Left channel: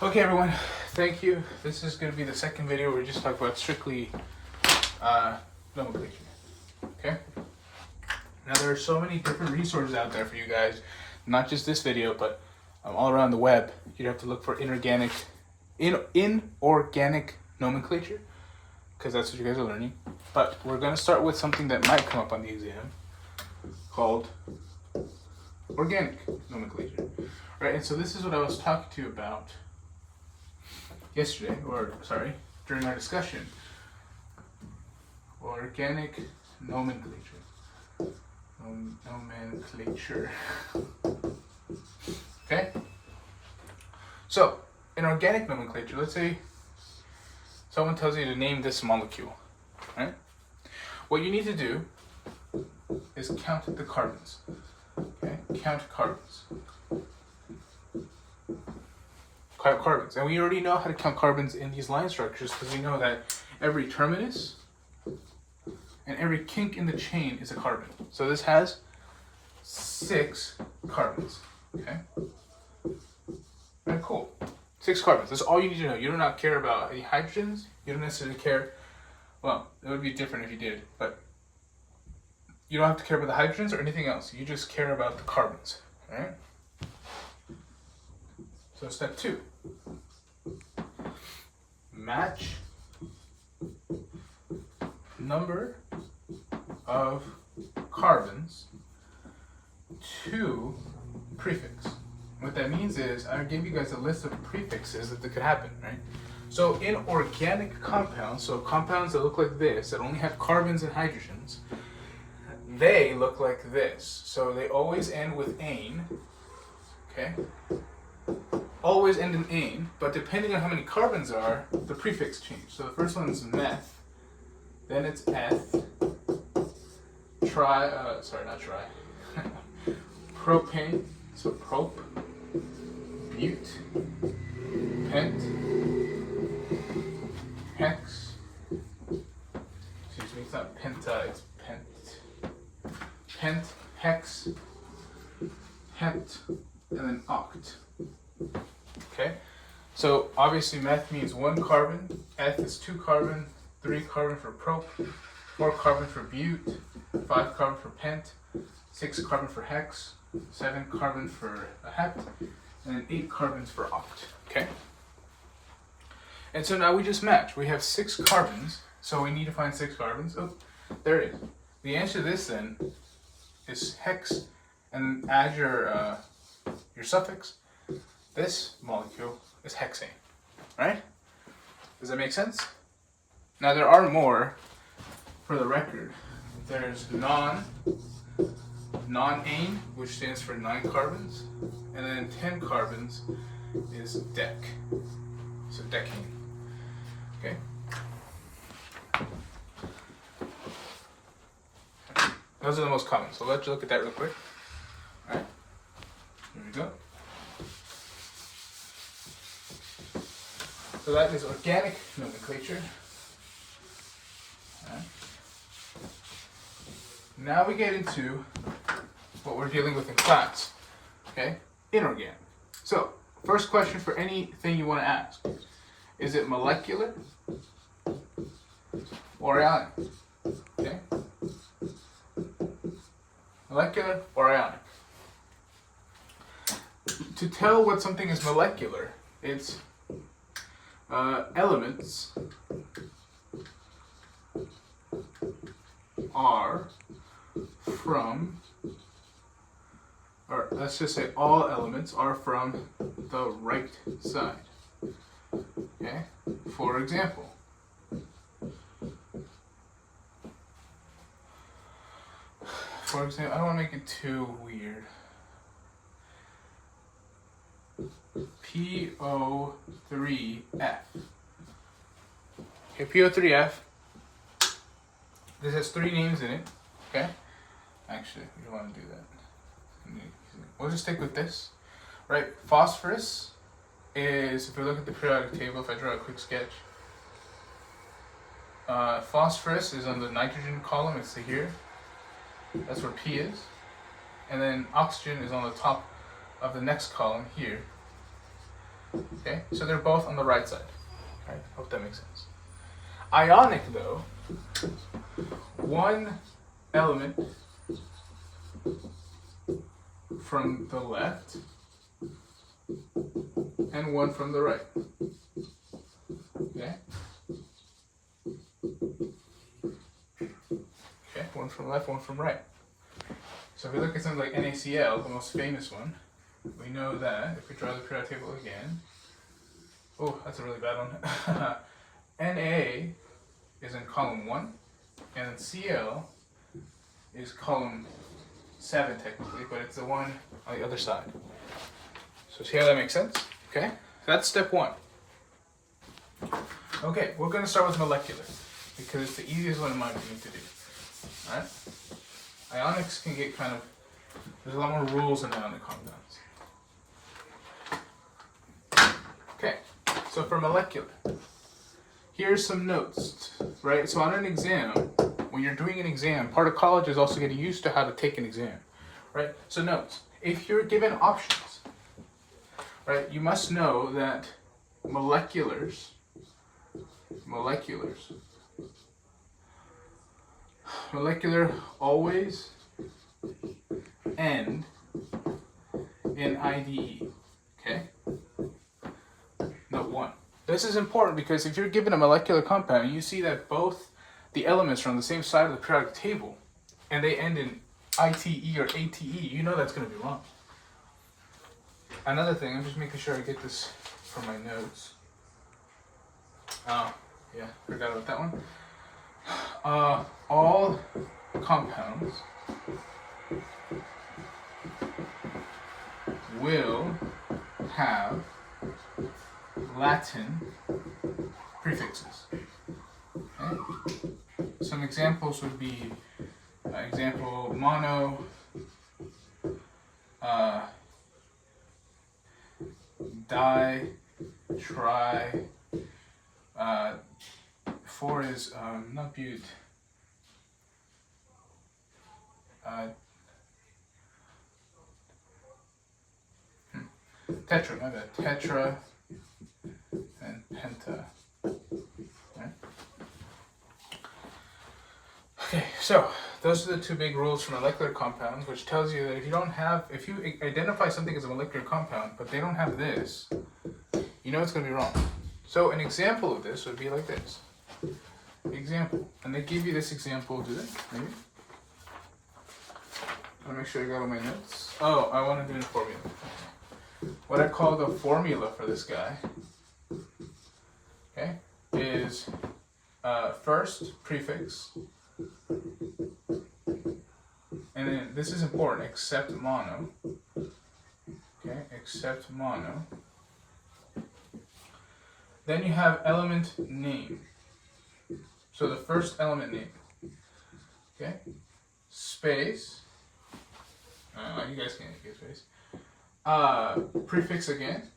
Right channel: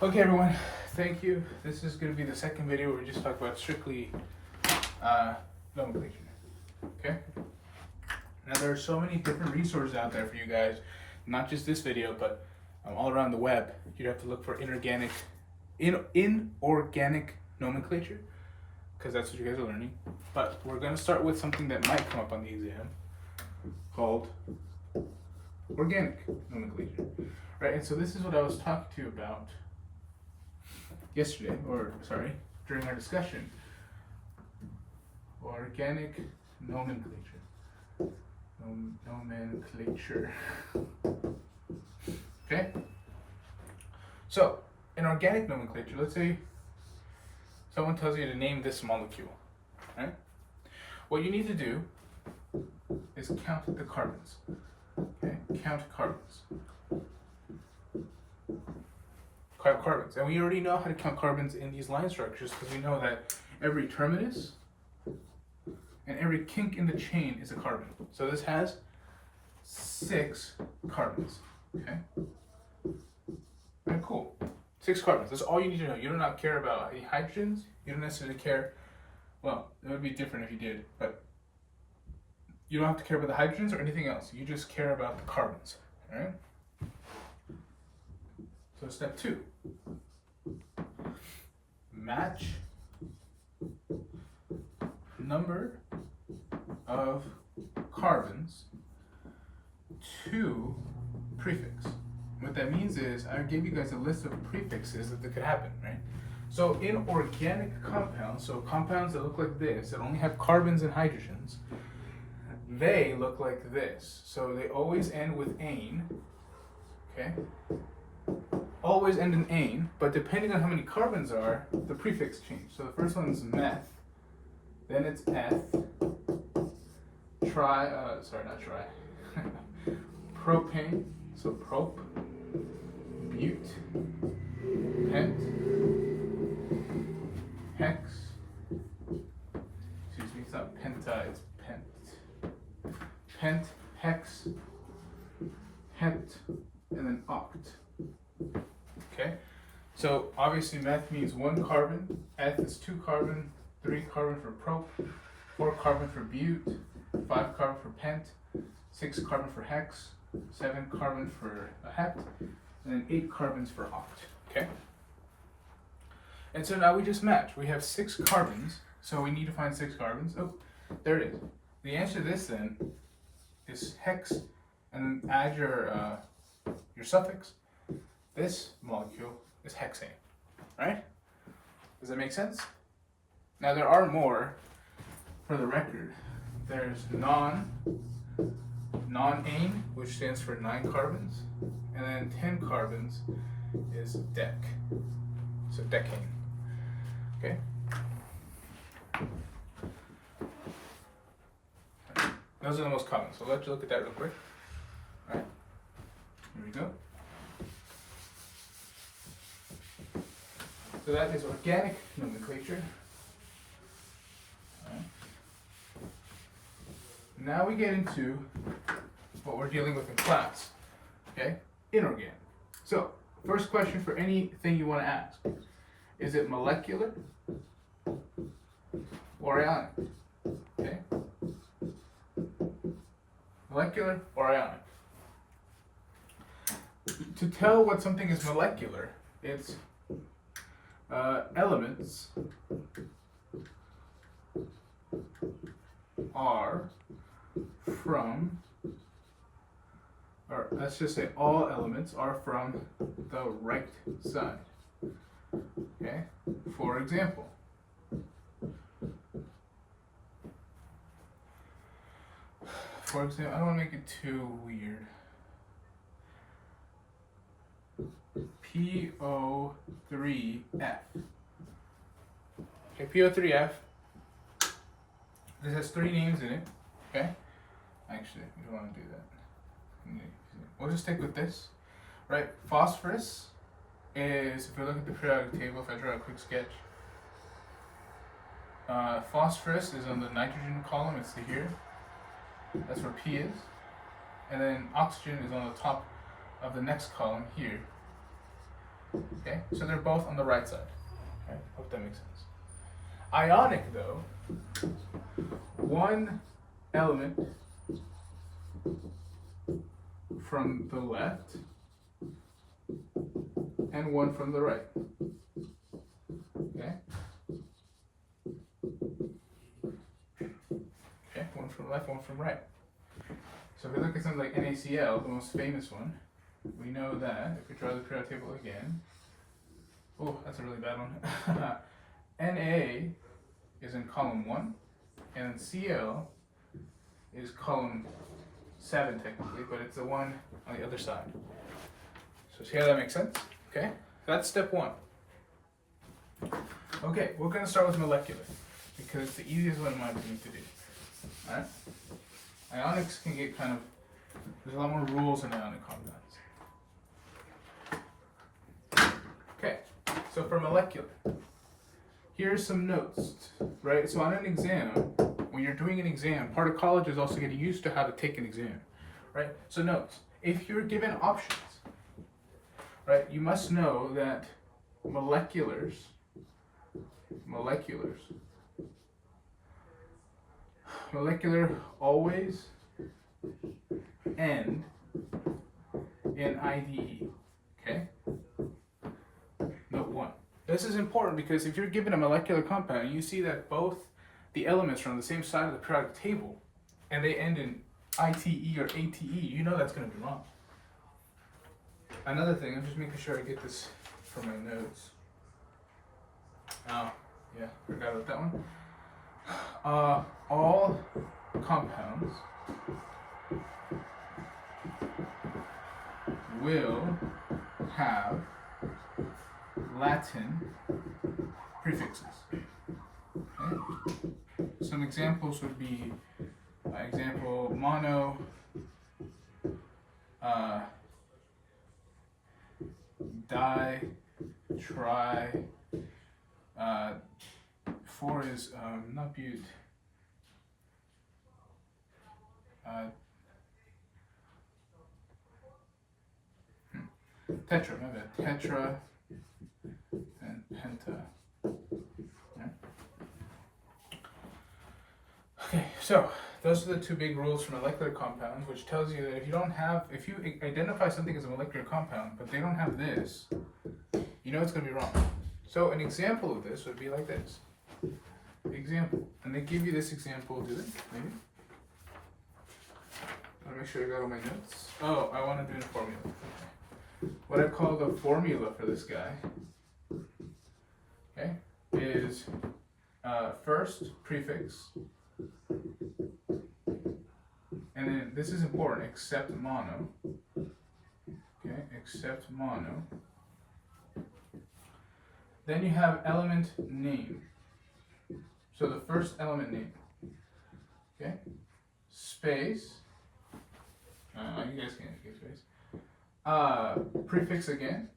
Okay, everyone, thank you. This is going to be the second video where we just talk about strictly nomenclature. Okay? Now, there are so many different resources out there for you guys, not just this video, but all around the web. You'd have to look for inorganic nomenclature, because that's what you guys are learning. But we're going to start with something that might come up on the exam called organic nomenclature. Right, and so this is what I was talking to you about yesterday, during our discussion. Organic nomenclature. Nomenclature. Okay? So, in organic nomenclature, let's say someone tells you to name this molecule, right? What you need to do is count the carbons. Okay? Count carbons. Carbons, and we already know how to count carbons in these line structures because we know that every terminus and every kink in the chain is a carbon. So this has 6 carbons. Okay. Alright, cool. 6 carbons. That's all you need to know. You do not care about any hydrogens. You don't necessarily care. Well, it would be different if you did, but you don't have to care about the hydrogens or anything else. You just care about the carbons. Right? So step 2. Match number of carbons to prefix. What that means is I gave you guys a list of prefixes that could happen, right? So in organic compounds, so compounds that look like this, that only have carbons and hydrogens, they look like this. So they always end with -ane, okay? Always end in -ane, but depending on how many carbons are, the prefix change. So the first one is meth, then it's eth, propane, so prop, bute, pent, hex, excuse me, it's not penta, it's pent, hex, het, and then oct. Okay, so obviously meth means 1 carbon, eth is 2 carbon, 3 carbon for prop, 4 carbon for bute, 5 carbon for pent, 6 carbon for hex, 7 carbon for a het, and then 8 carbons for oct. Okay, and so now we just match. We have 6 carbons, so we need to find 6 carbons. Oh, there it is. The answer to this then is hex, and add your suffix. This molecule is hexane, right? Does that make sense? Now there are more, for the record. There's non-ane, which stands for 9 carbons, and then 10 carbons is dec, so decane, okay? Those are the most common, so let's look at that real quick. All right, here we go. So that is organic nomenclature. Right. Now we get into what we're dealing with in class. Okay, inorganic. So first question for anything you want to ask: is it molecular or ionic? Okay, molecular or ionic. To tell what something is molecular, it's elements are from, or let's just say all elements are from the right side. Okay? For example, I don't want to make it too weird. PO3F. Okay, PO3F. This has 3 names in it. Okay? Actually, we don't want to do that. We'll just stick with this. Right? Phosphorus is, if we look at the periodic table, if I draw a quick sketch, phosphorus is on the nitrogen column, it's here. That's where P is. And then oxygen is on the top of the next column here. Okay? Okay, so they're both on the right side. All right, hope that makes sense. Ionic, though, one element from the left and one from the right. Okay? Okay, one from left, one from right. So if we look at something like NaCl, the most famous one, we know that if we draw the periodic table again, oh, that's a really bad one. Na is in column 1, and then Cl is column 7 technically, but it's the one on the other side. So see how that makes sense? Okay, so that's step 1. Okay, we're going to start with molecular, because it's the easiest one in my opinion to do. Alright? Ionics can get kind of, there's a lot more rules in ionic compounds. Okay, so for molecular, here's some notes, right? So on an exam, when you're doing an exam, part of college is also getting used to how to take an exam, right? So notes, if you're given options, right, you must know that molecular always end in IDE, okay? Note 1. This is important because if you're given a molecular compound and you see that both the elements are on the same side of the periodic table and they end in ITE or ATE, you know that's going to be wrong. Another thing, I'm just making sure I get this from my notes. Oh, yeah, forgot about that one. All compounds will have Latin prefixes. Okay? Some examples would be example mono, di, tri, 4 is not but, tetra, my bad, tetra and penta. Right? Okay, so those are the two big rules for molecular compounds, which tells you that if you identify something as a molecular compound, but they don't have this, you know it's going to be wrong. So an example of this would be like this. Example, and they give you this example, do they? Maybe? I want to make sure I got all my notes. Oh, I want to do a formula. What I call the formula for this guy, okay, is first prefix, and then this is important, except mono, okay, except mono. Then you have element name. So the first element name, okay, space, you guys can't get space, prefix again,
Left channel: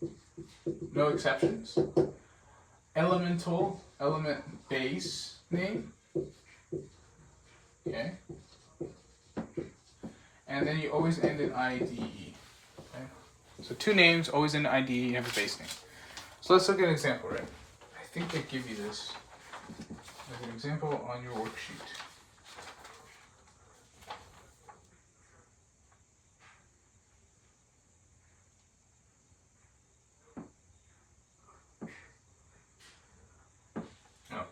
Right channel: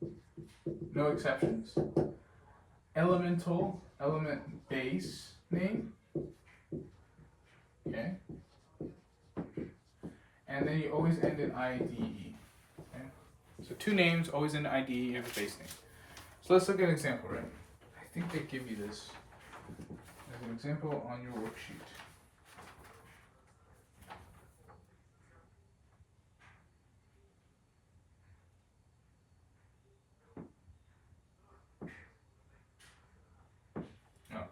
no exceptions, element base name, okay, and then you always end in IDE, okay, so two names, always in IDE, you have a base name. So let's look at an example, right? I think they give you this as an example on your worksheet. Oh.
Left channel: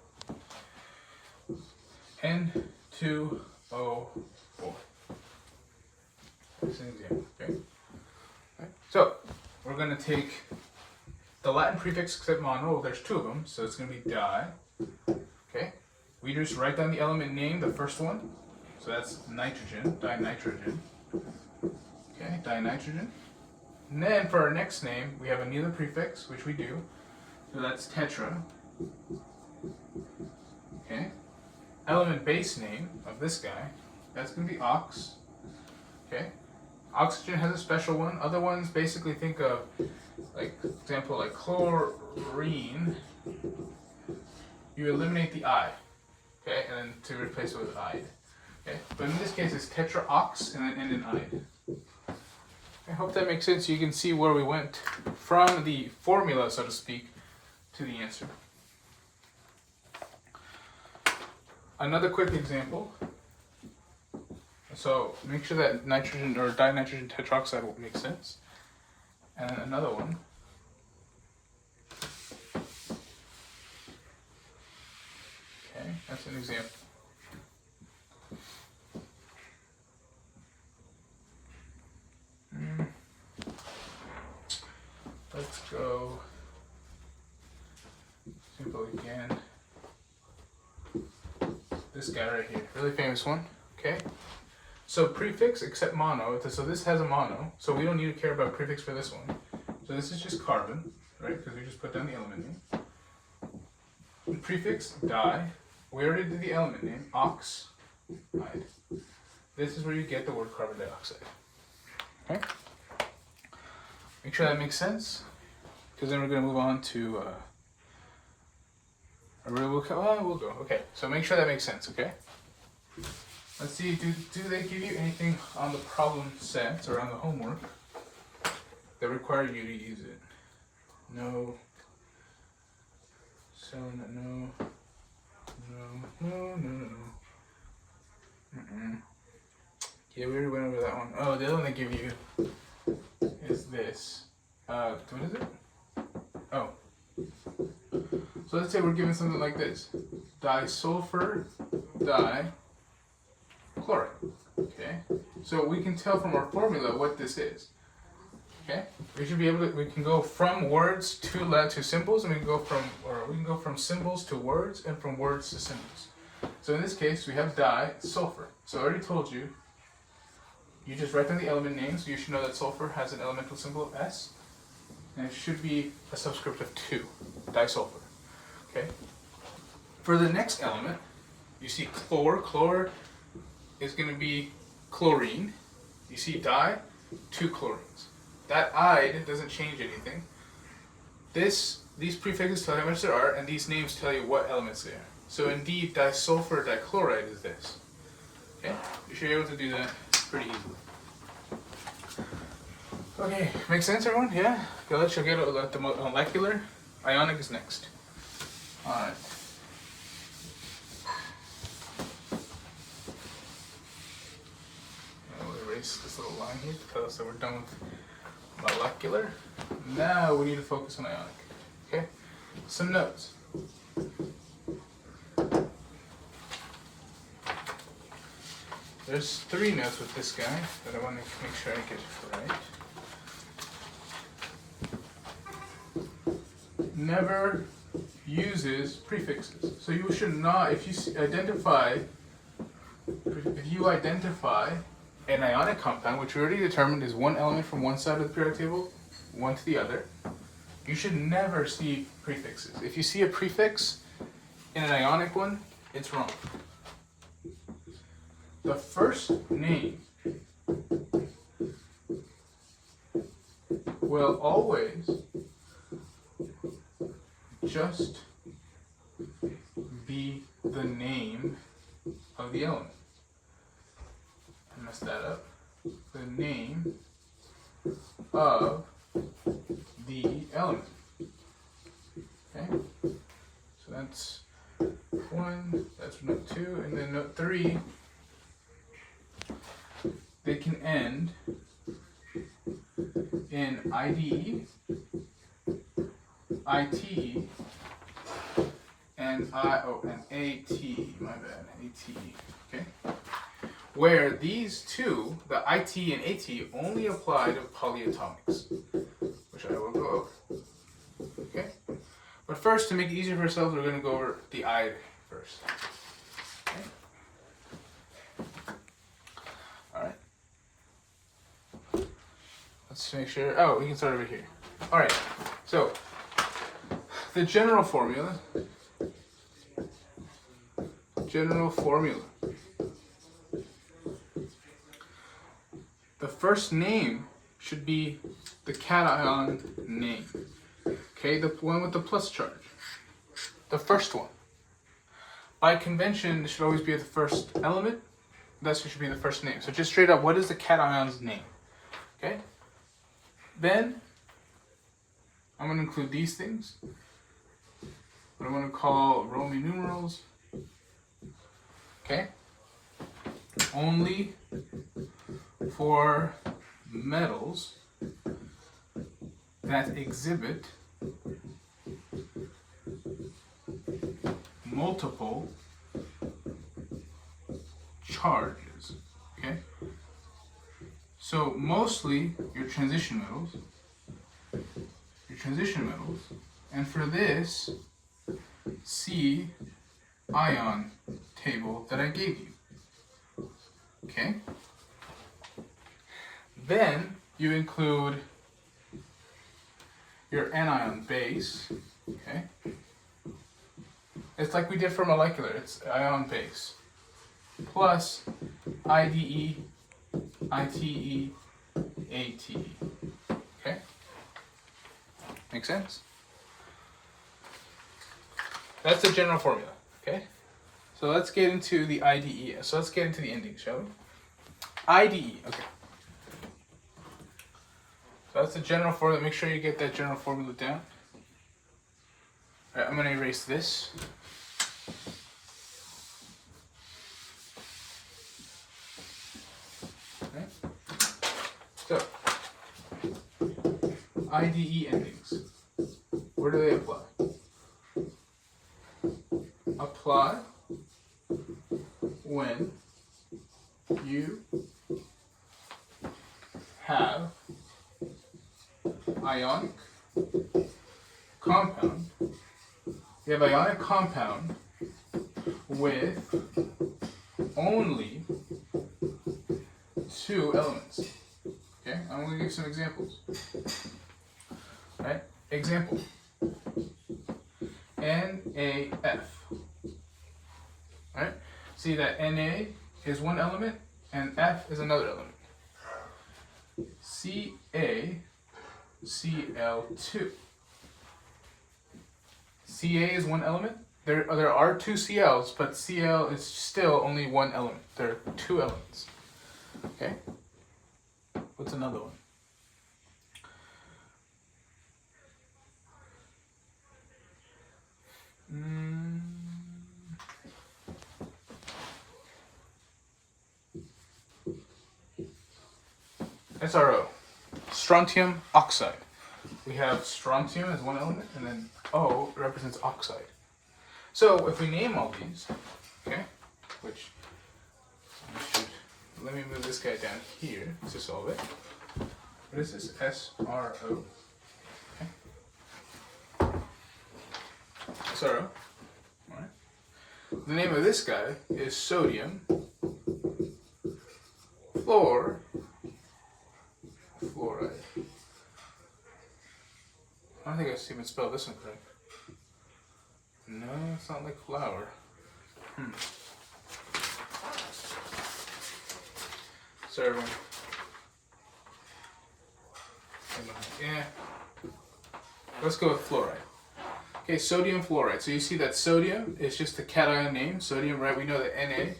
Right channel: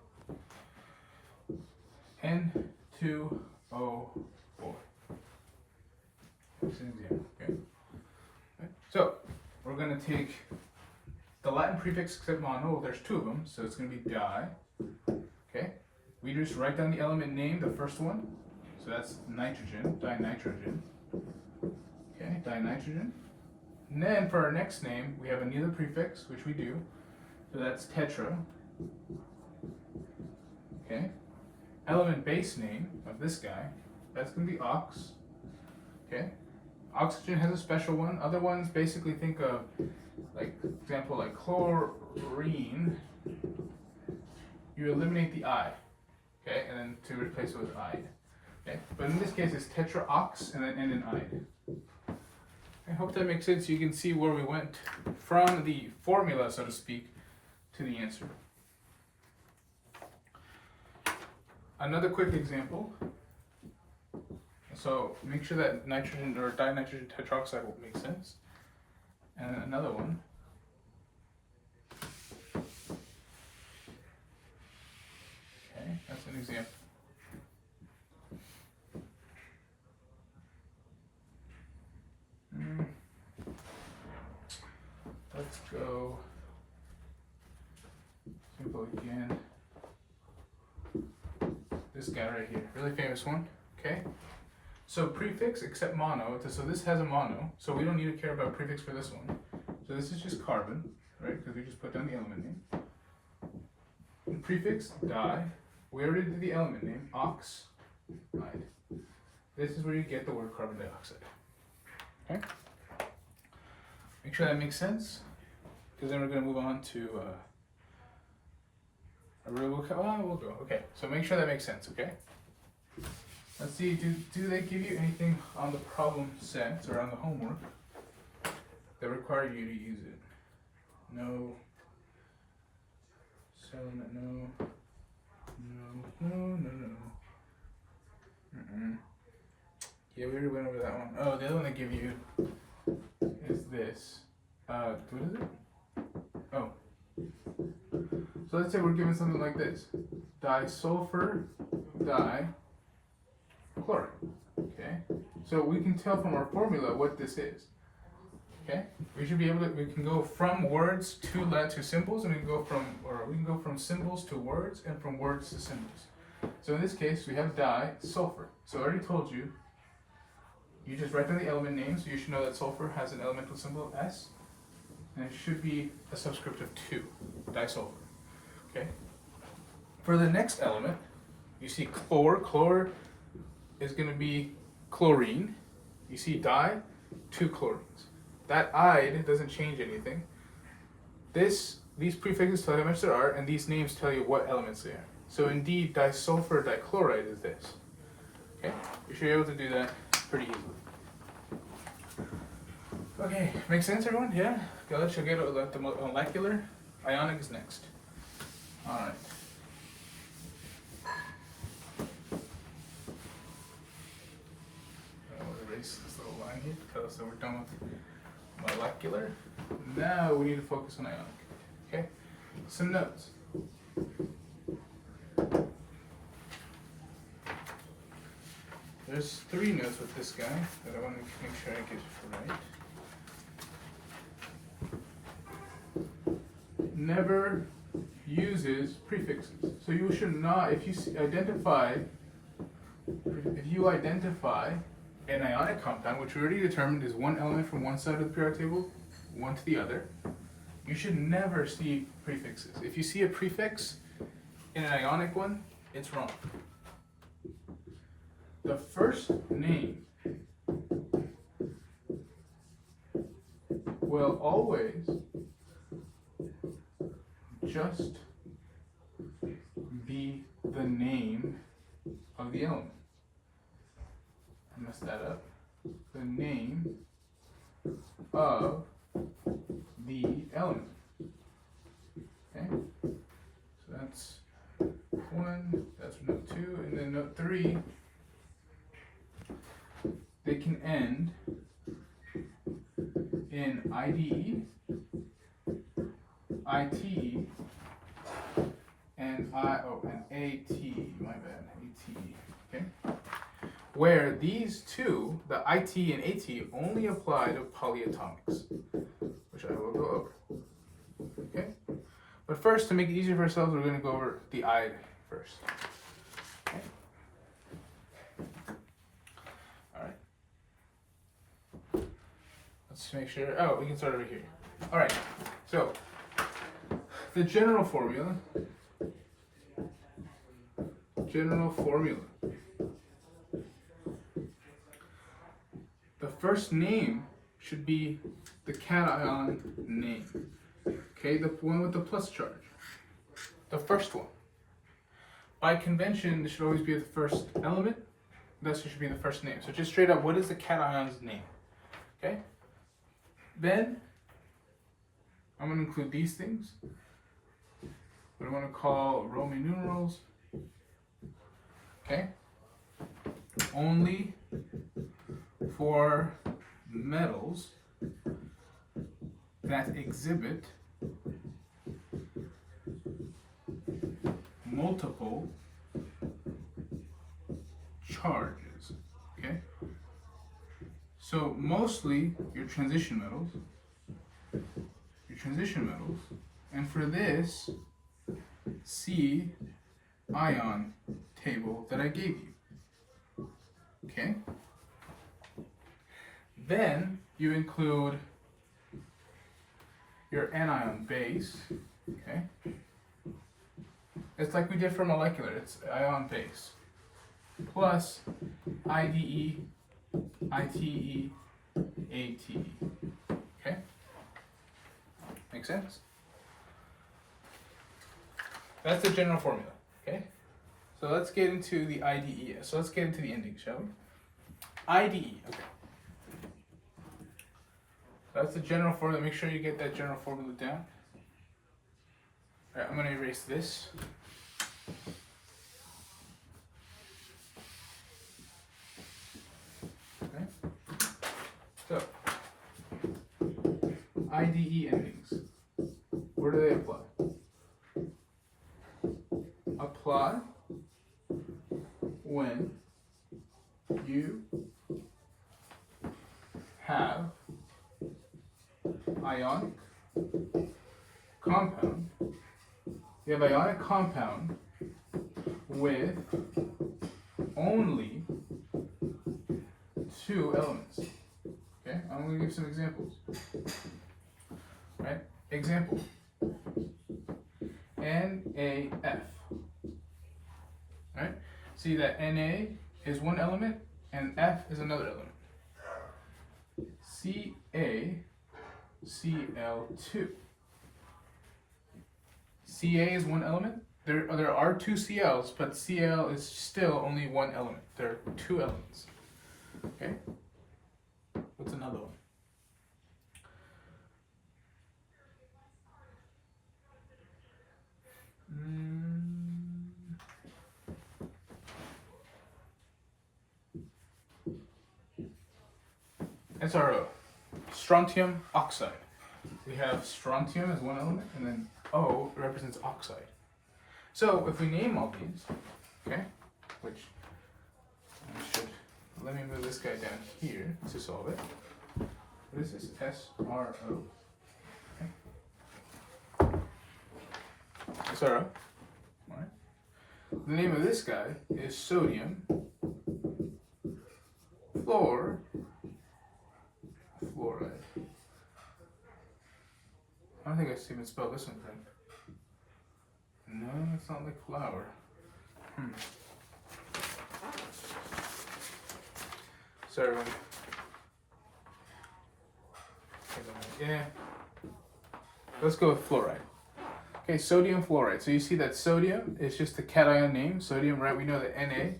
N2O4. That's an example, okay? So, we're going to take the Latin prefix except mono. There's two of them, so it's going to be di. Okay? We just write down the element name, the first one. So that's nitrogen, dinitrogen. Okay, dinitrogen. And then for our next name, we have another prefix, which we do. So that's tetra. Okay? Element base name of this guy, that's going to be ox. Okay? Oxygen has a special one. Other ones basically think of, like, example, like chlorine. You eliminate the I, okay, and then to replace it with ide. Okay, but in this case it's tetraox and then end in ide. I hope that makes sense. You can see where we went from the formula, so to speak, to the answer. Another quick example. So make sure that nitrogen or dinitrogen tetroxide will make sense. And another one. Okay, that's an example. Let's go simple again. This guy right here, really famous one. Okay, so prefix except mono. So this has a mono, so we don't need to care about prefix for this one. So this is just carbon, right? Because we just put down the element name. And prefix di. We already did the element name oxide. This is where you get the word carbon dioxide. Okay. Make sure that makes sense, because then we're going to move on to we'll go. Okay, so make sure that makes sense, okay? Let's see, do they give you anything on the problem sets or on the homework that require you to use it? No. So, no. Yeah, we already went over that one. Oh, the other one they give you is this. What is it? Oh. So let's say we're given something like this. Disulfur dichloride. Okay? So we can tell from our formula what this is. Okay? We should be able to, we can go from words to symbols, and we can go from symbols to words, and from words to symbols. So in this case, we have disulfur. So I already told you, you just write down the element name, so you should know that sulfur has an elemental symbol of S, and it should be a subscript of 2, disulfur. Okay? For the next element, you see chlor. Chlor is going to be chlorine. You see di, 2 chlorines. That "ide" doesn't change anything. These prefixes tell you how much there are, and these names tell you what elements they are. So indeed, disulfur dichloride is this. Okay? You should be able to do that pretty easily. Okay, makes sense, everyone? Yeah? Okay, let's get at the molecular. Ionic is next. Alright. We'll erase this little line here to tell us that we're done with molecular. Now we need to focus on ionic. Okay? Some notes. There's 3 notes with this guy that I want to make sure I get right. Never uses prefixes. So you should not, if you identify an ionic compound, which we already determined is one element from one side of the periodic table, one to the other, you should never see prefixes. If you see a prefix in an ionic one, it's wrong. The first name will always just be the name of the element. I messed that up. The name of the element. Okay? So that's 1, that's note 2, and then note 3. They can end in IDE, ITE, and ATE, my bad, ATE, okay? Where these two, the IT and AT, only apply to polyatomics, which I will go over, okay? But first, to make it easier for ourselves, we're going to go over the I first, okay? Let's make sure, we can start over here. All right, so the general formula. The first name should be the cation name. Okay, the one with the plus charge. The first one. By convention, this should always be the first element. That should be the first name. So just straight up, what is the cation's name? Okay? Then, I'm going to include these things. What I'm going to call Roman numerals. Okay? Only for metals that exhibit multiple charges. Okay? So mostly your transition metals. And for this, see ion table that I gave you. Okay? Then you include your anion base. Okay? It's like we did for molecular, it's ion base. Plus IDE, ITE, ATE. Okay? Make sense? That's the general formula, okay? So let's get into the IDE. So let's get into the ending, shall we? IDE, okay. So that's the general formula. Make sure you get that general formula down. All right, I'm gonna erase this. Okay. So, IDE endings. Where do they apply? Apply when you have ionic compound. You have ionic compound with only 2 elements. Okay, I'm going to give some examples. Right? Example. NaF. Right? See that Na is one element and F is another element. CaCl2. Ca is one element. There are 2 Cl's, but Cl is still only one element. There are 2 elements. Okay? What's another one? SRO, strontium oxide. We have strontium as one element, and then O represents oxide. So if we name all these, okay, which let me move this guy down here to solve it. What is this? SRO. Okay. SRO. All right. The name of this guy is sodium fluoride. I don't think I even spelled this one correct. No, it's not like flour. Sorry, everyone. Yeah. Let's go with fluoride. Okay, sodium fluoride. So you see that sodium is just the cation name. Sodium, right? We know that Na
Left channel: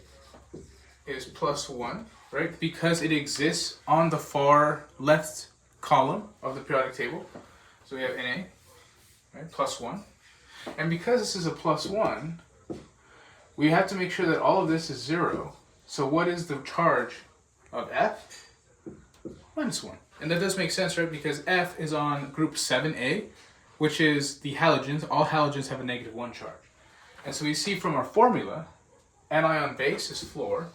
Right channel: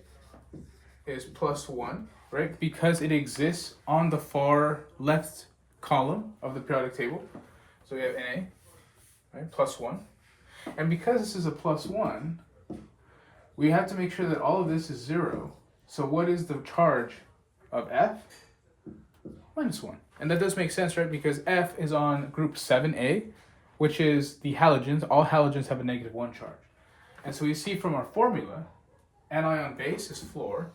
is +1, right? Because it exists on the far left column of the periodic table. So we have Na, right? +1. And because this is a +1, we have to make sure that all of this is 0. So what is the charge of F? -1. And that does make sense, right? Because F is on group 7A, which is the halogens. All halogens have a -1 charge. And so we see from our formula, anion base is fluor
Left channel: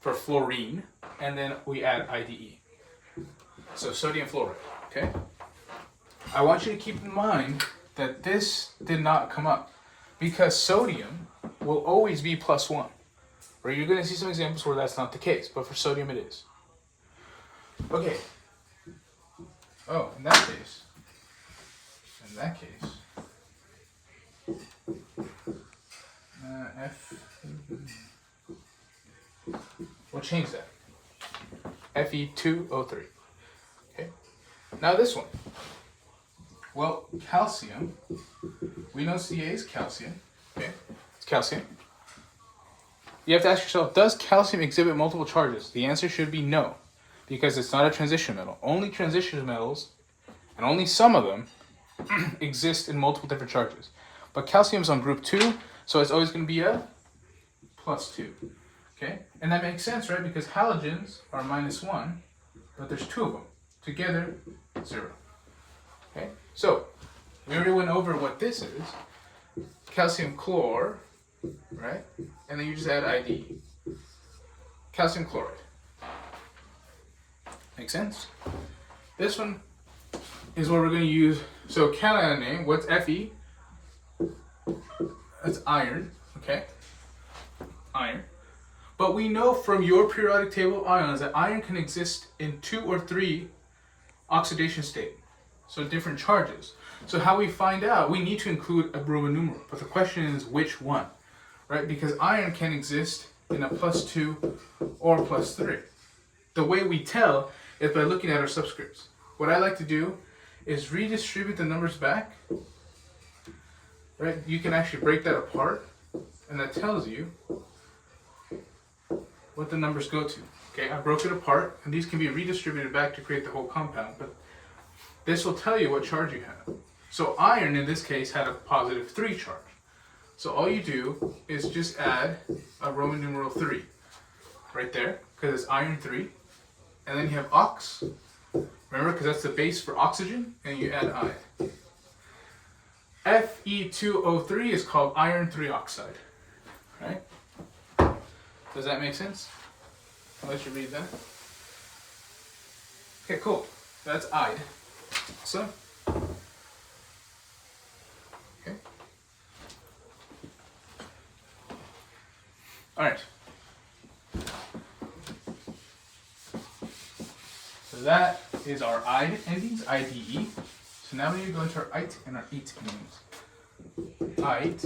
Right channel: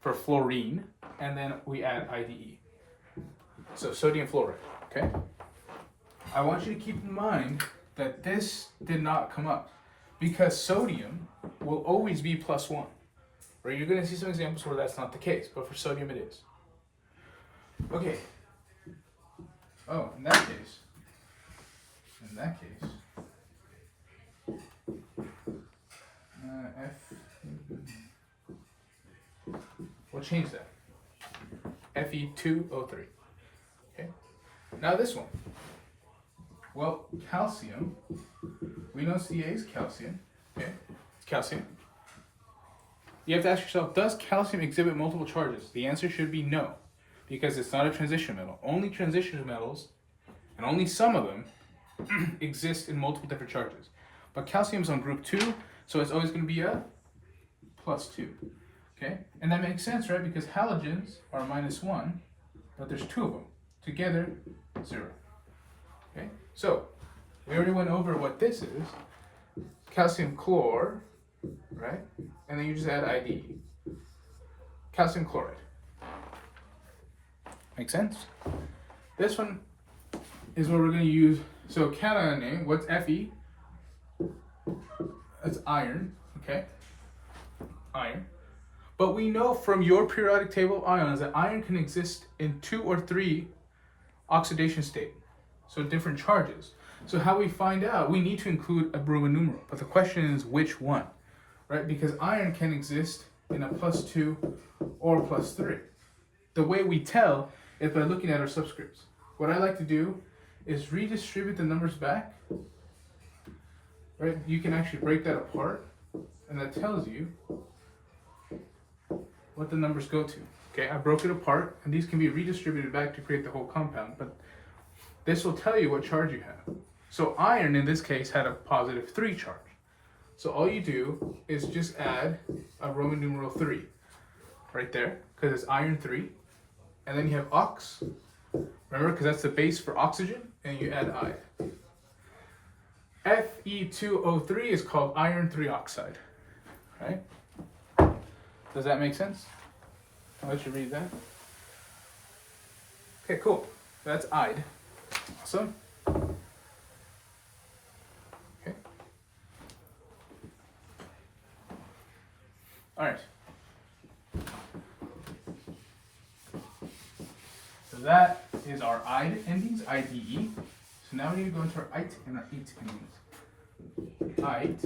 for fluorine, and then we add IDE. So sodium fluoride, okay? I want you to keep in mind that this did not come up because sodium will always be +1. Or you're going to see some examples where that's not the case, but for sodium it is. Okay. Oh, in that case, F, we'll change that. Fe2O3. Okay. Now this one. Well, calcium, we know Ca is calcium, okay? It's calcium. You have to ask yourself, does calcium exhibit multiple charges? The answer should be no, because it's not a transition metal. Only transition metals, and only some of them, exist in multiple different charges. But calcium is on group 2, so it's always going to be a +2. Okay? And that makes sense, right? Because halogens are -1, but there's 2 of them. Together, 0. Okay? So, we already went over what this is. Calcium chlor, right? And then you just add ID. Calcium chloride. Make sense? This one is what we're going to use. So cation name, what's Fe? That's iron, okay? Iron. But we know from your periodic table of ions that iron can exist in 2 or 3 oxidation state. So different charges. So how we find out, we need to include a Roman numeral. But the question is which one, right? Because iron can exist in a +2 or +3. The way we tell is by looking at our subscripts. What I like to do is redistribute the numbers back, right? You can actually break that apart, and that tells you what the numbers go to. Okay, I broke it apart, and these can be redistributed back to create the whole compound, but this will tell you what charge you have. So iron, in this case, had a +3 charge. So all you do is just add a Roman numeral 3 right there, because it's iron 3. And then you have ox, remember, because that's the base for oxygen, and you add iron. Fe2O3 is called iron 3 oxide, right? Does that make sense? I'll let you read that. Okay, cool. That's ide. So, okay. All right. So that is our ide endings, IDE. So now we need to go into our ite and our ate endings. Ite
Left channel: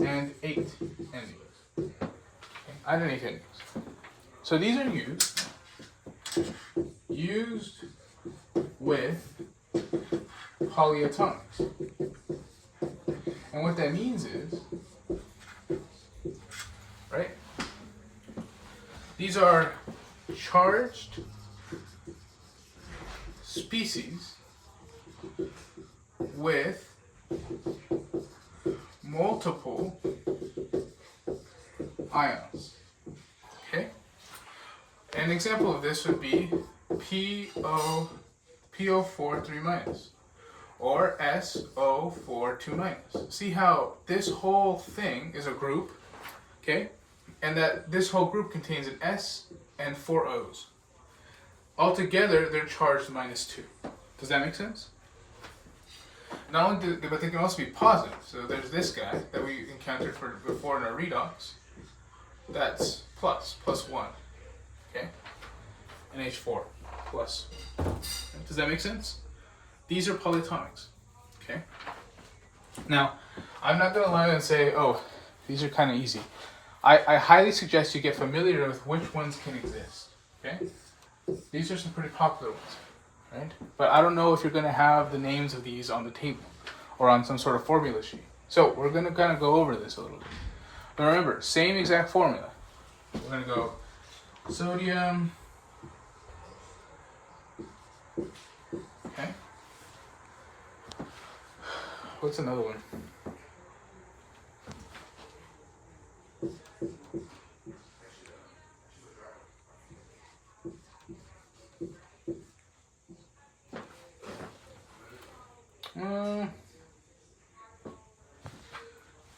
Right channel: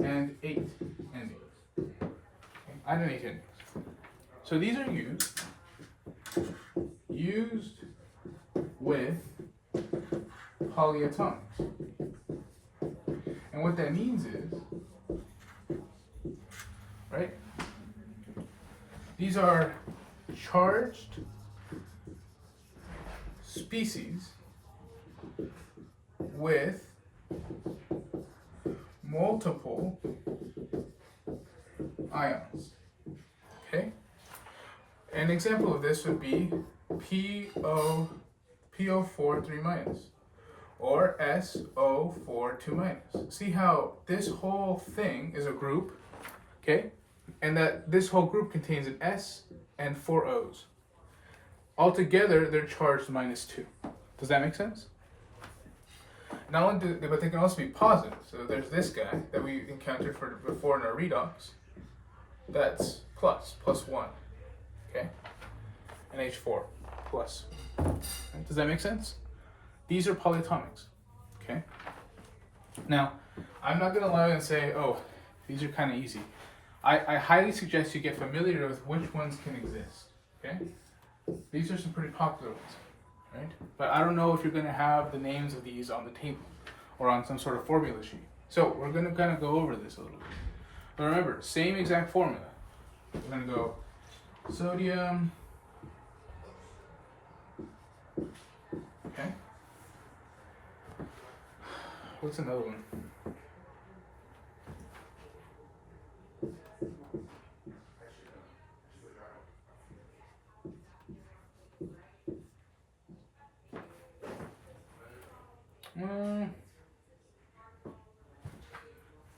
and ate endings. Okay. Ite and ate endings. So these are used with polyatomics. And what that means is, right, these are charged species with multiple ions. Okay? An example of this would be PO4 3- or SO4 2-. See how this whole thing is a group, okay? And that this whole group contains an S and 4 O's. Altogether, they're charged -2. Does that make sense? Not only but they can also be positive. So there's this guy that we encountered before in our redox. That's +1. Okay? And H4 plus. Does that make sense? These are polyatomics. Okay? Now, I'm not going to lie and say, oh, these are kind of easy. I highly suggest you get familiar with which ones can exist. Okay? These are some pretty popular ones. Right? But I don't know if you're going to have the names of these on the table or on some sort of formula sheet. So we're going to kind of go over this a little bit. But remember, same exact formula. We're going to go sodium. Okay. What's another one?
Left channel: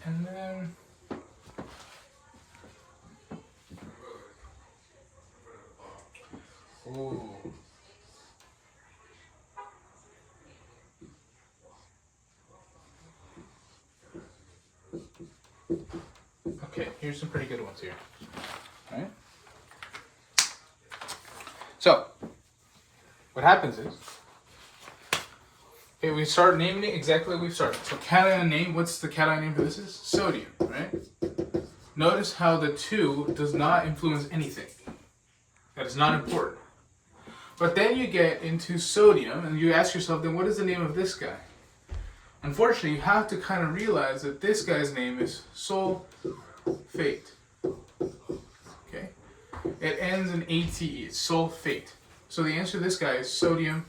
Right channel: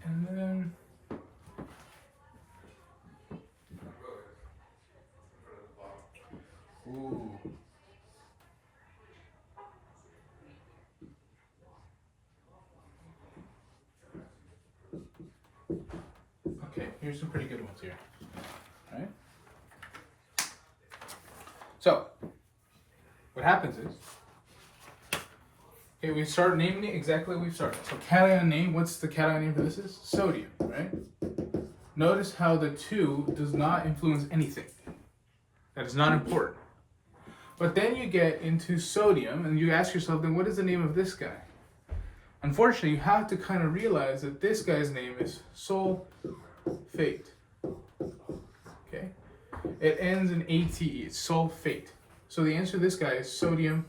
And then ooh. Okay, here's some pretty good ones here. All right. So, what happens is, okay, we start naming it exactly like we've started. So cation name, what's the cation name for this is? Sodium, right? Notice how the 2 does not influence anything. That is not important. But then you get into sodium and you ask yourself, then what is the name of this guy? Unfortunately, you have to kind of realize that this guy's name is sulfate. Okay? It ends in ATE, it's sulfate. So the answer to this guy is sodium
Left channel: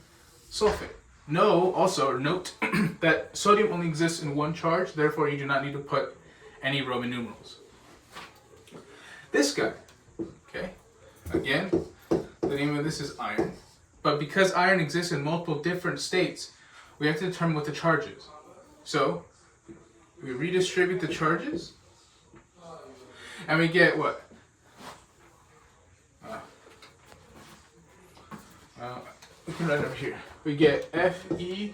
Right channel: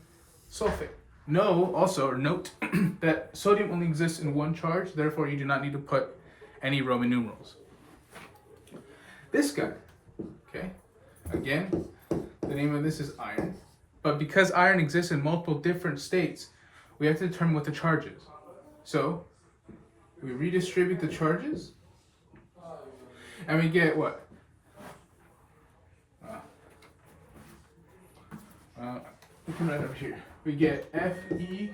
sulfate. Note that sodium only exists in one charge, therefore you do not need to put any Roman numerals. This guy, okay, again, the name of this is iron, but because iron exists in multiple different states, we have to determine what the charge is. So, we redistribute the charges, and we get what? We can write it over here. We get Fe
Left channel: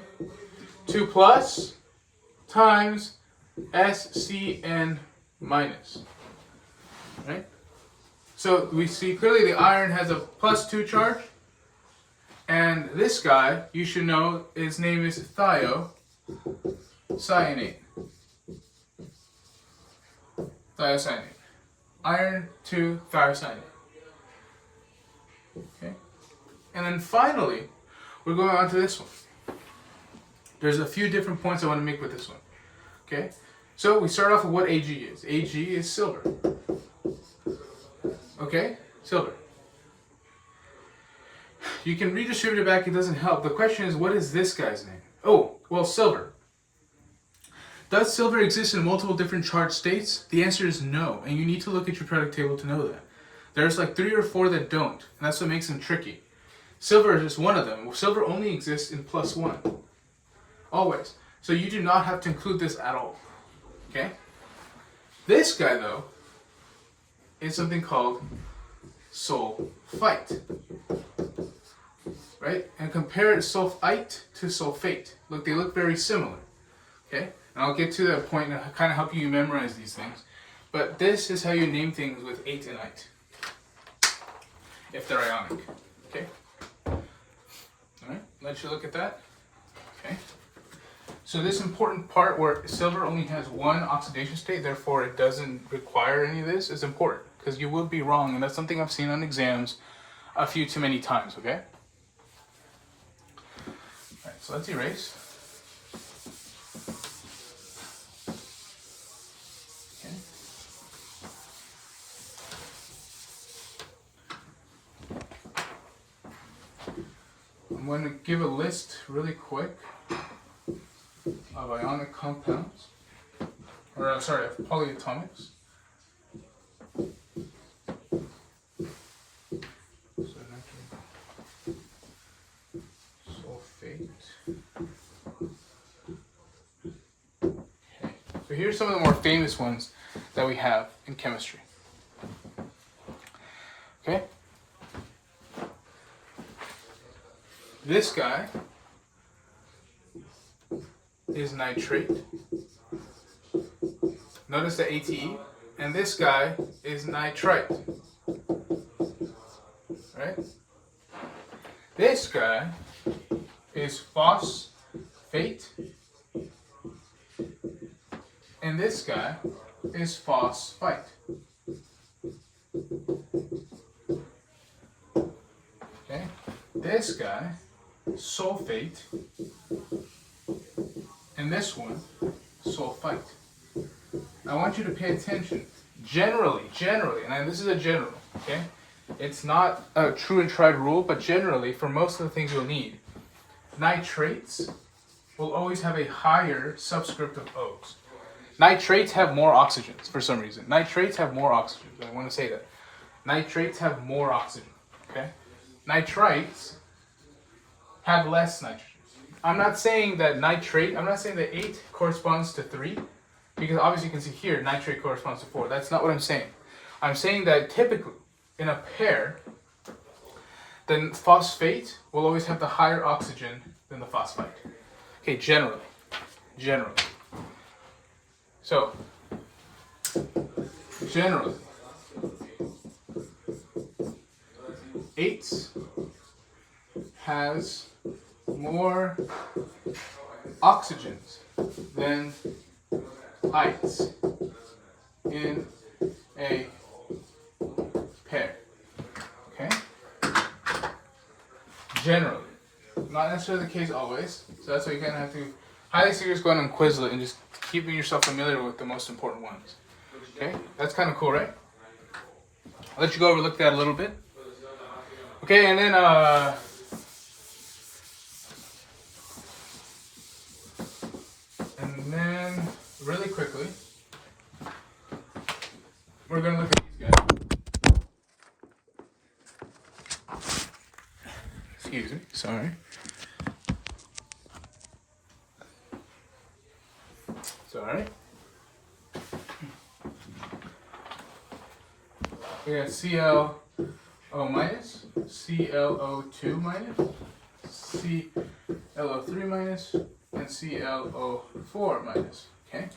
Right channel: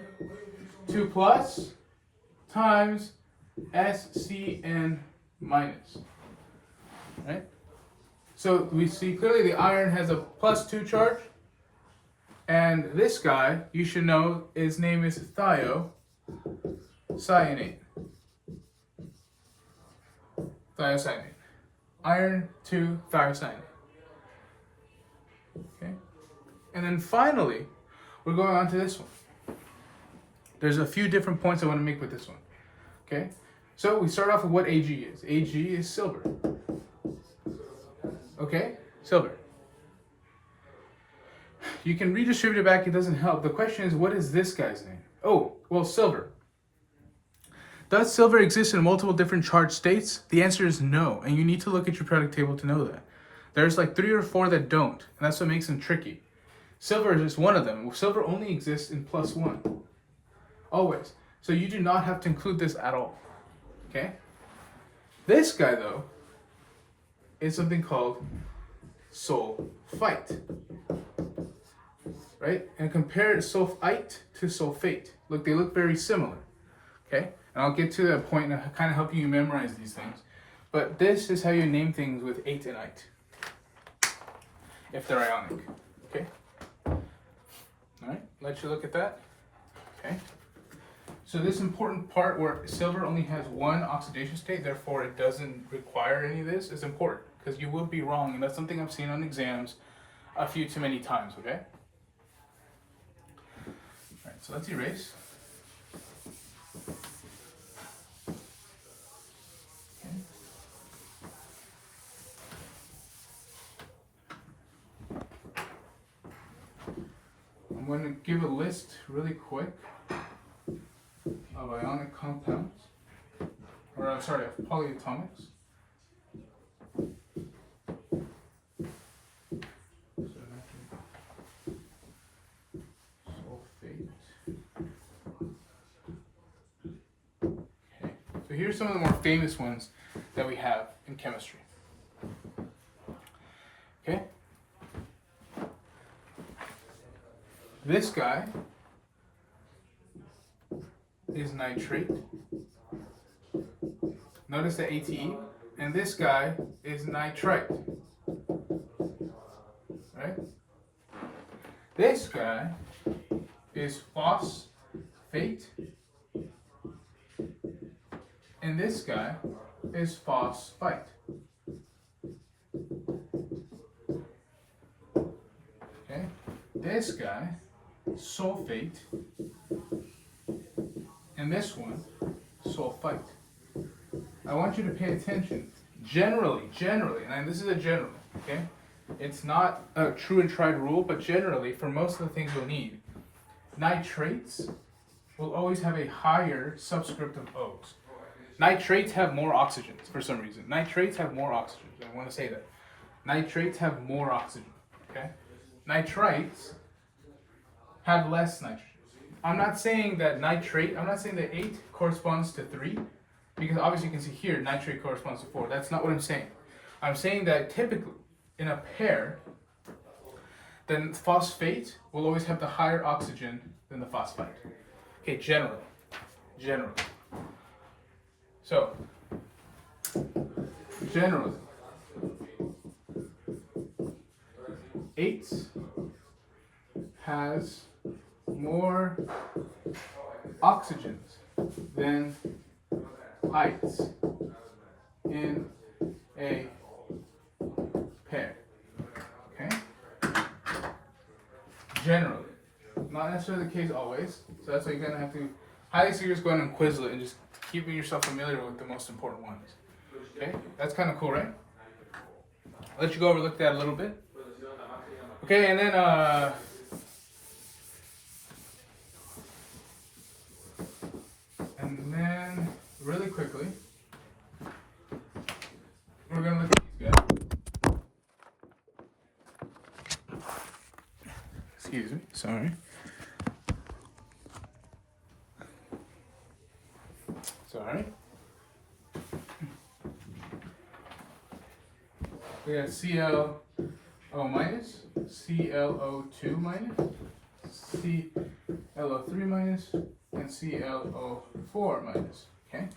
2 plus times SCN minus. Right? So we see clearly the iron has a +2 charge. And this guy, you should know, his name is thiocyanate. Thiocyanate. Iron 2 thiocyanate. Okay? And then finally, we're going on to this one. There's a few different points I want to make with this one. Okay? So we start off with what Ag is. Ag is silver. Okay? Silver. You can redistribute it back, it doesn't help. The question is, what is this guy's name? Oh, well, silver. Does silver exist in multiple different charged states? The answer is no, and you need to look at your periodic table to know that. There's like 3 or 4 that don't, and that's what makes them tricky. Silver is just one of them. Silver only exists in +1. Always. So you do not have to include this at all. Okay? This guy, though, is something called sulfite. Right? And compare sulfite to sulfate. Look, they look very similar. Okay? And I'll get to that point and kind of help you memorize these things. But this is how you name things with ate and ite, if they're ionic. Okay? Alright, let you look at that. Okay? So this important part where silver only has one oxidation state, therefore it doesn't require any of this, is important. Because you would be wrong, and that's something I've seen on exams a few too many times, okay? Alright, so let's erase. Okay. I'm going to give a list really quick of ionic compounds, or of polyatomics. So sulfate. Okay. So here's some of the more famous ones that we have in chemistry. Okay. This guy is nitrate. Notice the ATE. And this guy is nitrite. Right? This guy is phosphate. And this guy is phosphite. Okay? This guy, sulfate. And this one, sulfite. I want you to pay attention. Generally, and this is a general, okay? It's not a true and tried rule, but generally, for most of the things you'll need, nitrates will always have a higher subscript of O's. Nitrates have more oxygens for some reason. Nitrates have more oxygens. I want to say that. Nitrates have more oxygen, okay? Nitrites have less nitrogen. I'm not saying that 8 corresponds to 3, because obviously you can see here nitrate corresponds to 4. That's not what I'm saying. I'm saying that typically in a pair, then phosphate will always have the higher oxygen than the phosphite. Okay, generally. So, generally, 8 has more oxygens than ites in a pair. Okay? Generally. Not necessarily the case always. So that's why you're going to have to highly serious go on and Quizlet and just keeping yourself familiar with the most important ones. Okay? That's kind of cool, right? I'll let you go over look at that a little bit. Okay, and then Sorry. Sorry. We got ClO minus, ClO2 minus, ClO3 minus, and ClO4 minus. Okay?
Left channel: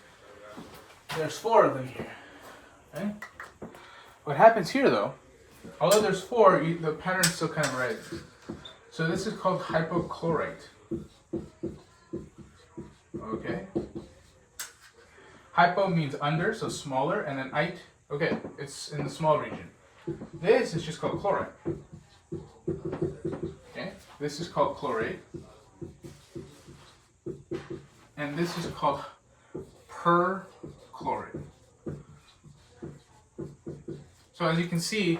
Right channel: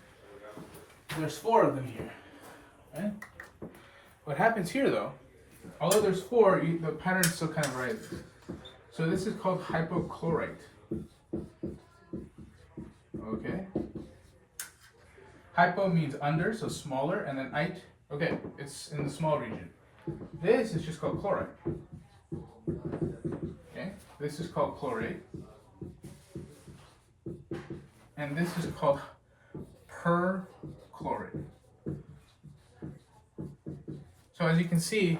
There's 4 of them here. Right? What happens here though, although there's 4, the pattern's still kind of rising. So this is called hypochlorite. Okay? Hypo means under, so smaller, and then ite, okay, it's in the small region. This is just called chloride. Okay? This is called chlorate. And this is called perchlorate. So as you can see,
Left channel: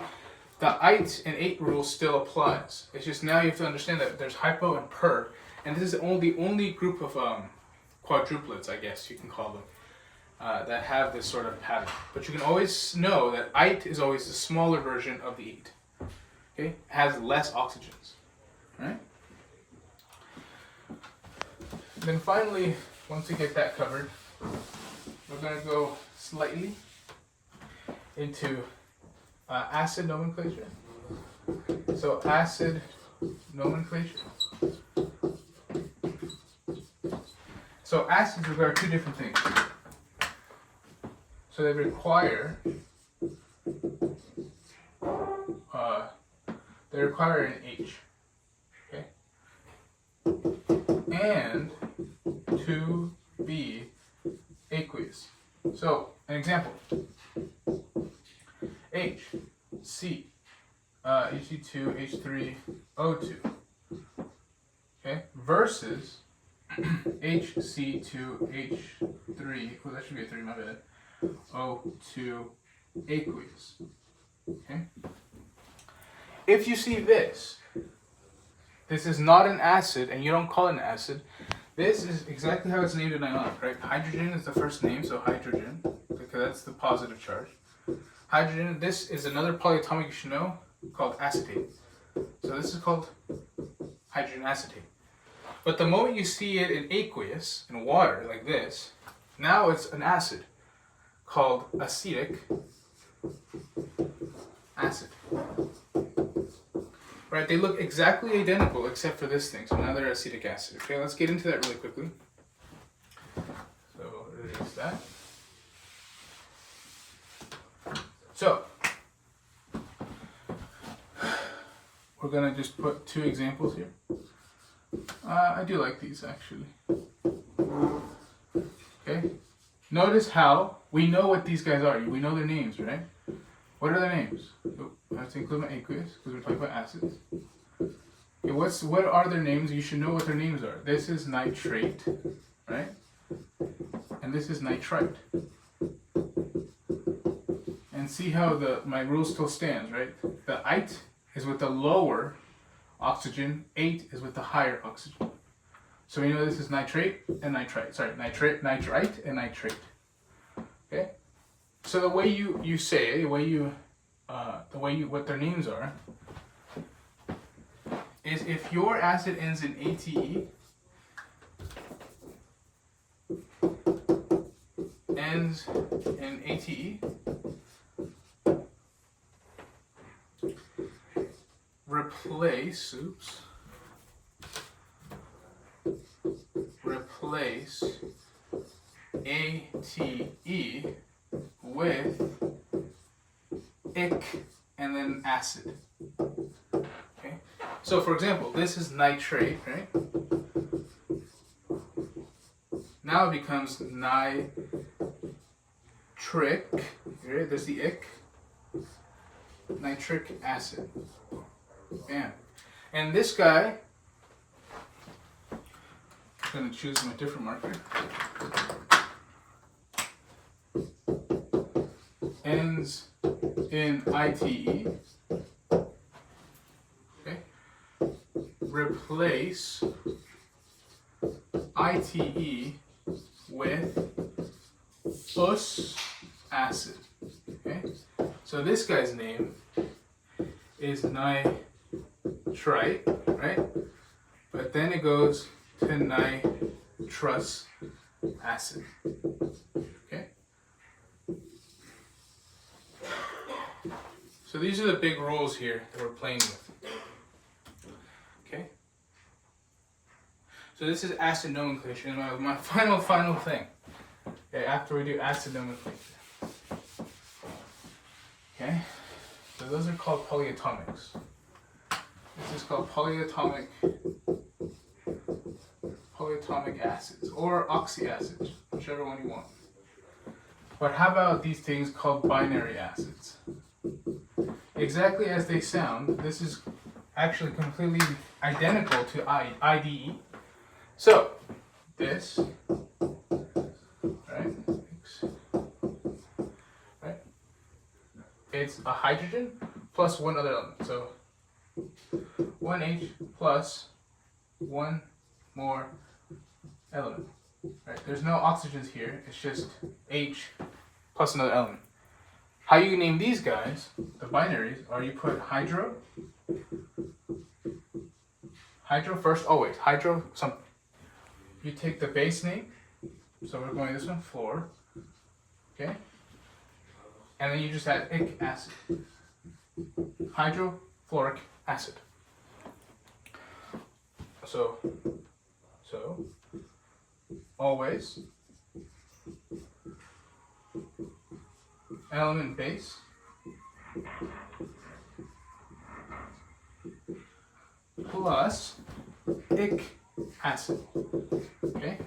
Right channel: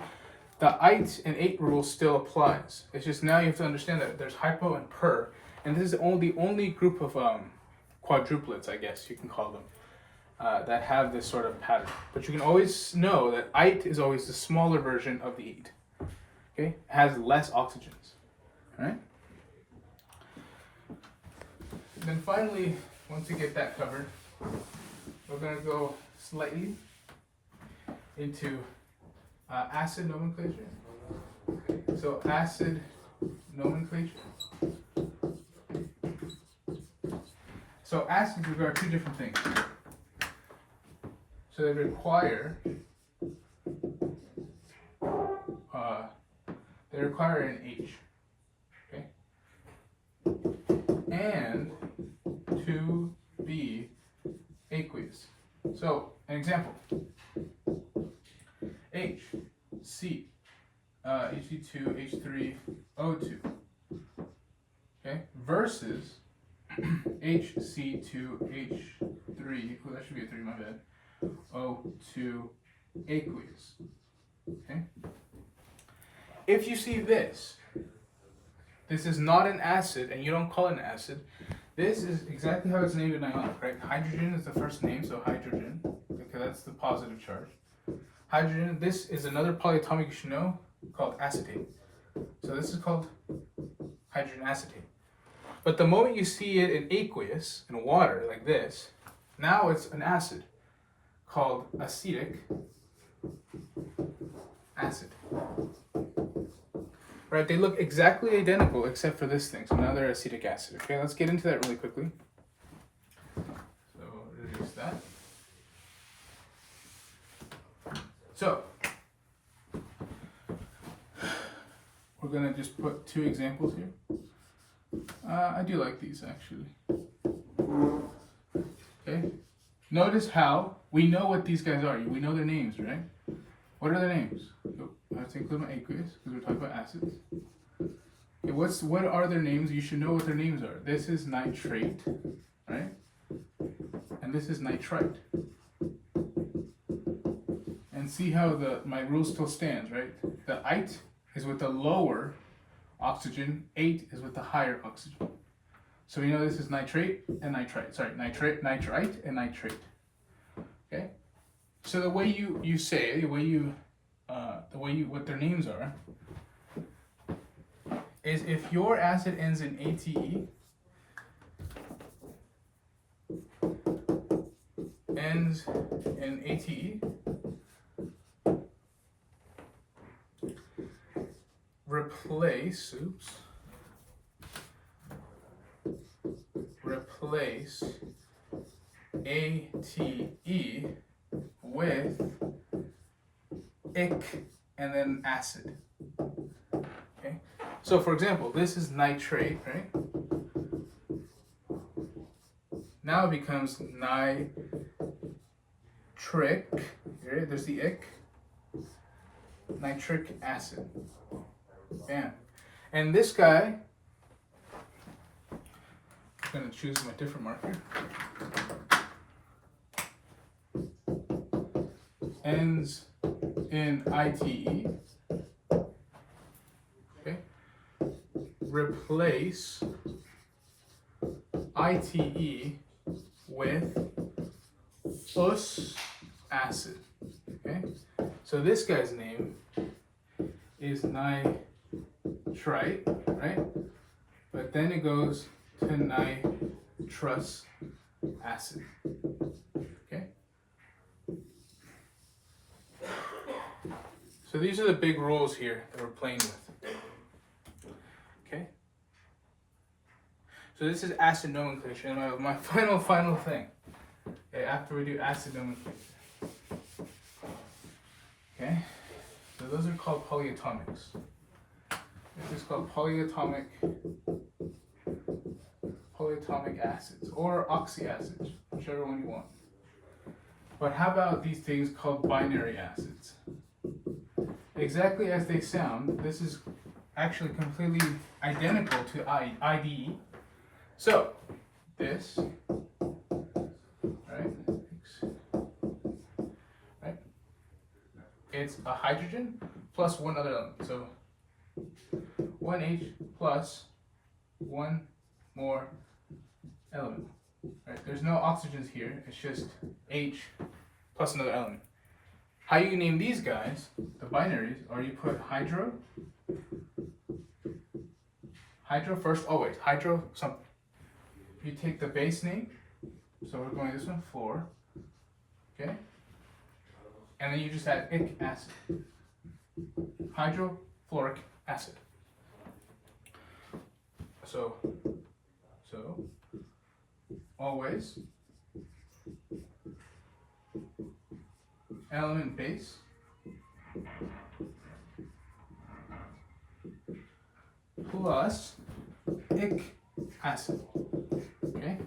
the ite and ate rule still applies. It's just now you have to understand that there's hypo and per, and this is the only group of quadruplets, I guess you can call them, that have this sort of pattern. But you can always know that ite is always the smaller version of the ate. Okay, it has less oxygens. All right. Then finally, once we get that covered, we're going to go slightly into acid nomenclature. So acid nomenclature. So acids require 2 different things. So they require an H, okay, and to be aqueous. So an example: H, C, He2, H3, O2. Okay, versus HC2H3. Well, that should be a 3. My bad. O2 aqueous. Okay. If you see this is not an acid, and you don't call it an acid. This is exactly how it's named in ionic, right? Hydrogen is the first name, so hydrogen, because that's the positive charge. Hydrogen, this is another polyatomic you should know called acetate. So this is called hydrogen acetate. But the moment you see it in aqueous, in water, like this, now it's an acid called acetic acid. Right, they look exactly identical except for this thing. So now they're acetic acid. Okay, let's get into that really quickly. So we'll reduce that. So we're gonna just put 2 examples here. I do like these actually. Okay. Notice how we know what these guys are. We know their names, right? What are their names? Oh, I have to include my aqueous because we're talking about acids. Okay, what are their names? You should know what their names are. This is nitrate, right? And this is nitrite. And see how my rule still stands, right? The ite is with the lower oxygen, ate is with the higher oxygen. So we know this is nitrate and nitrite. Sorry, nitrite and nitrate. Okay? So the way you say it, what their names are, is if your acid ends in ATE, ends in ATE, replace ATE with ic and then acid. Okay, so for example, this is nitrate, right? Now it becomes nitric. Right? There's the ic. Nitric acid. Bam. And this guy, I'm going to choose my different marker. Ends in ITE. Okay. Replace ITE with us acid. Okay. So this guy's name is nitrite, right? but then it goes to nitrous acid. Okay? So these are the big rules here that we're playing with. Okay? So this is acid nomenclature, and my final thing. Okay, after we do acid nomenclature. Okay? So those are called polyatomics. This is called polyatomic acids or oxyacids, whichever one you want. But how about these things called binary acids? Exactly as they sound, this is actually completely identical to IDE. So, this, right? It's a hydrogen plus one other element. So, 1H plus one more element. Right? There's no oxygens here. It's just H plus another element. How you name these guys, the binaries, are you put hydro first, always. Hydro something. You take the base name, so we're going this one, fluor, okay? And then you just add ic acid. Hydrofluoric acid. So always element base plus ic acid. Okay?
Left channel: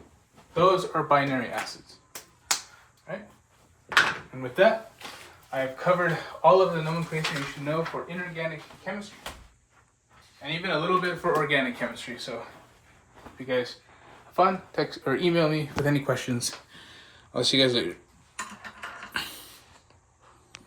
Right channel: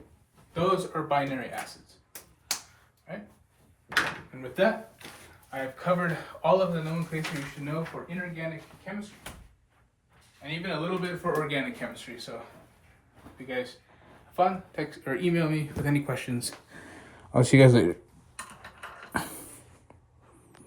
Those are binary acids. Right? And with that, I have covered all of the nomenclature you should know for inorganic chemistry. And even a little bit for organic chemistry. So if you guys have fun, text or email me with any questions. I'll see you guys later.